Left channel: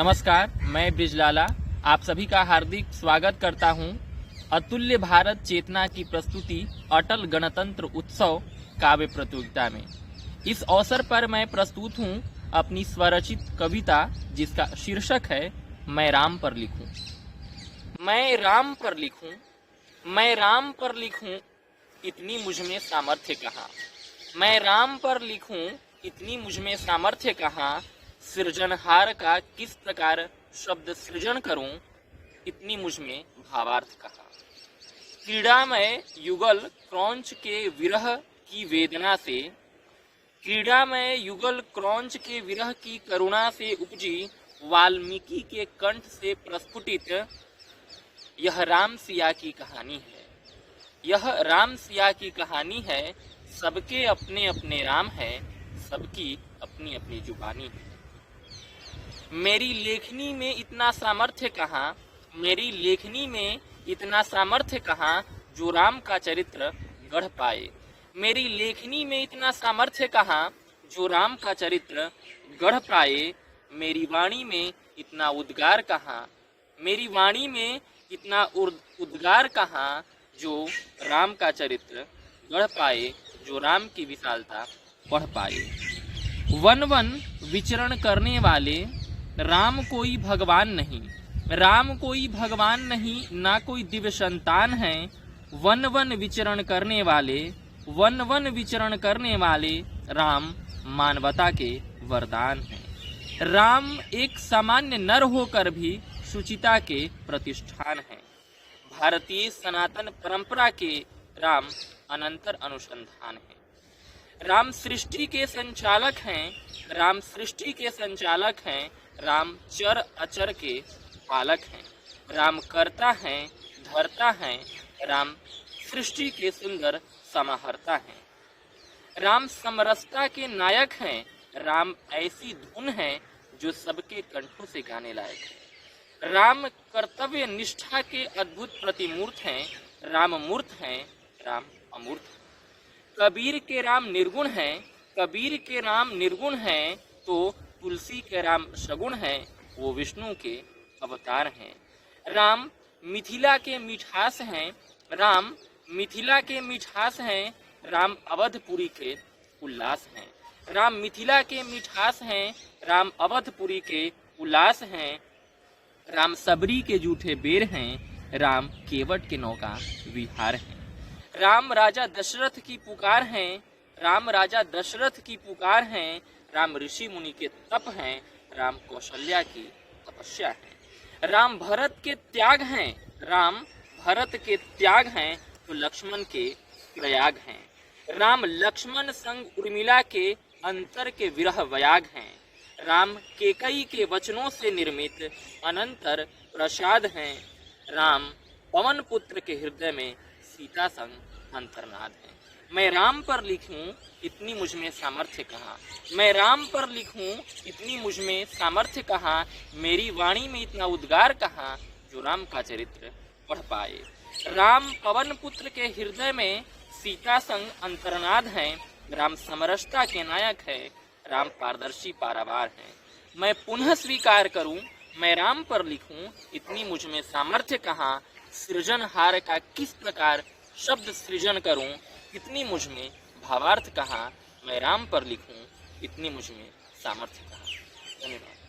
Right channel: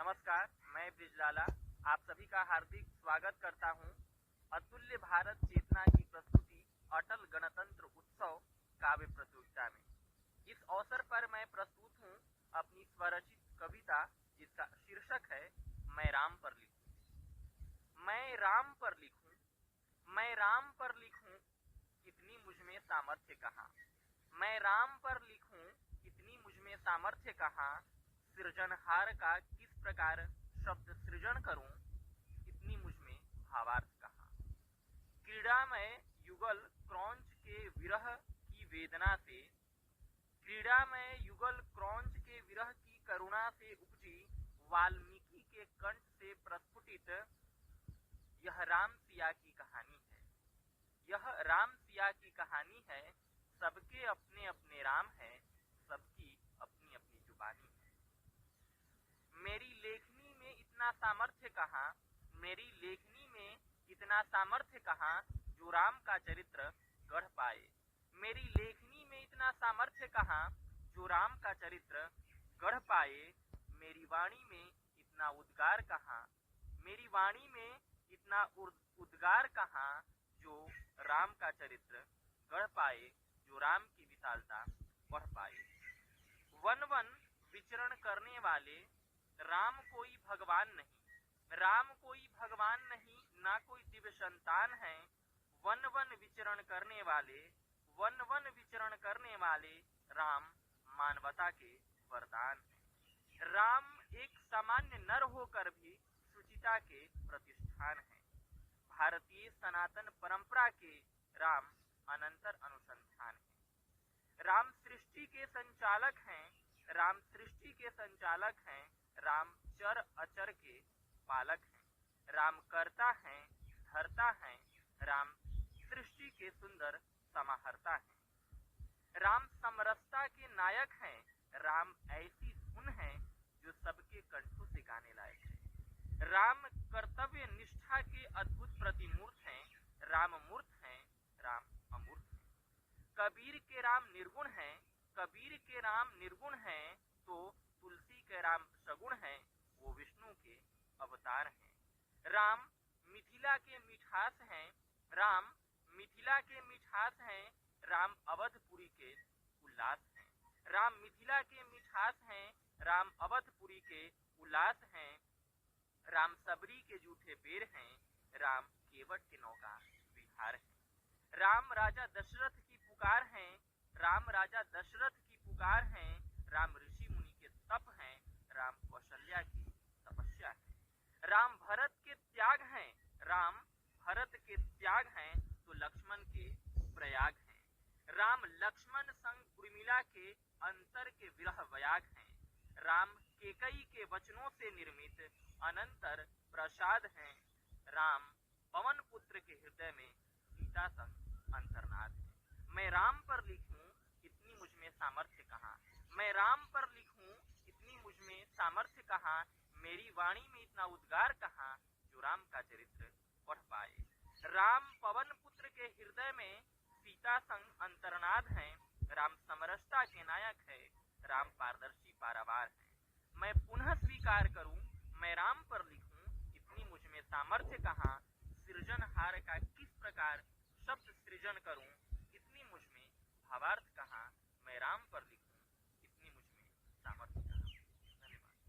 नमस्कार, मैं ब्रिजलाला आप सभी का हार्दिक स्वागत करता हूं। अतुल्य भारत चेतना की प्रस्तुति अटल गणतंत्र उत्सव काव्य प्रतियोगिता में। इस अवसर पर मैं प्रस्तुत हूं अपनी स्वरचित कविता जिसका शीर्षक है मैं राम पर लिखूं। मैं राम पर लिखूं, मैं राम पर लिखूं, इतनी मुझमें सामर्थ्य कहाँ। मैं राम पर लिखूं, इतनी मुझमें सामर्थ्य कहाँ। सृजनहार का किस प्रकार शब्द सृजन करूं, इतनी मुझमें भावार्थ कहाँ। क्रीड़ामय युगल क्रौंच के विरह की वेदना से, क्रीड़ामय युगल क्रौंच के विरह की करुणा से उपजी वाल्मीकि के कंठ से प्रस्फुटित यह राम सिया की कहानी है। यह राम सिया की कहानी है। सबके अपने अपने राम है, सबकी अपनी अपनी जुबानी है। मेरी लेखनी में इतना सामर्थ्य कहाँ, मेरी लेखनी में इतना सामर्थ्य कहाँ जो राम का चरित्र गढ़ पाए। मेरी लेखनी में इतना सामर्थ्य कहाँ जो राम का चरित्र गढ़ पाए। मेरी वाणी में इतना उद्गार कहाँ, मेरी वाणी में इतना उद्गार कहाँ जो राम का चरित्र गढ़ पाए, जो राम की विशालता पढ़ पाए। वन वन विचरण करने वाले राम कोई भगवान नहीं, राम कोई भगवान नहीं, ना कोई दिव्य संतान है। वन वन विचरण करने वाले, वन वन विचरण करने वाले राम मानवता के वरदान हैं। राम एक सामान्य नर होकर भी शुचिता के प्रतिष्ठान हैं। भारतीय सनातन परंपरा के राम अनंतर अनुसंधान है। राम सृष्टि के संचालक हैं, राम सृष्टि के संचालक हैं। राम चर अचर के पालक हैं। राम करता है, धरता है, राम सृष्टि के सुंदर समाहर्ता हैं। राम समरसता के नायक हैं। राम ऐसी धुन है जो सबके कंठों से गाने लायक है। राम कर्तव्य निष्ठा के अद्भुत प्रतिमूर्त हैं। राम मूर्त हैं, राम अमूर्त हैं। कबीर के राम निर्गुण हैं, कबीर के राम निर्गुण हैं, तो तुलसी के राम सगुण हैं, वो विष्णु के अवतार हैं। राम मिथिला के मिठास हैं, राम मिथिला के मिठास हैं, राम अवधपुरी के उल्लास हैं। राम मिथिला के मिठास हैं, राम अवधपुरी के उल्लास हैं। राम सबरी के जूठे बेर हैं, राम केवट के नौका विहार हैं। राम राजा दशरथ की पुकार हैं, राम राजा दशरथ की पुकार हैं। राम ऋषि मुनि के तप हैं, राम कौशल्या की तपस्या है। राम भरत के त्याग हैं, राम भरत के त्याग हैं, तो लक्ष्मण के प्रयाग हैं। राम लक्ष्मण संग उर्मिला के अंतर के विरह वयाग हैं। राम केकई के वचनों से निर्मित अनंतर प्रसाद हैं। राम पवन पुत्र के हृदय में सीता संग अंतर्नाद है। मैं राम पर लिखूं, इतनी मुझमें सामर्थ्य कहाँ। मैं राम पर लिखूं, इतनी मुझमें सामर्थ्य कहाँ। मेरी वाणी में इतना उद्गार कहाँ जो राम का चरित्र पढ़ पाए। राम पवन पुत्र के हृदय में सीता संग अंतर्नाद है। राम समरसता के नायक है, राम पारदर्शी पारावार है। मैं पुनः स्वीकार करूं, मैं राम पर लिखूं, इतनी मुझमें सामर्थ्य कहाँ। सृजनहार का किस प्रकार शब्द सृजन करूं, इतनी मुझमें भावार्थ कहाँ। मैं राम पर लिखूं, इतनी मुझमें सामर्थ्य कहाँ। धन्यवाद।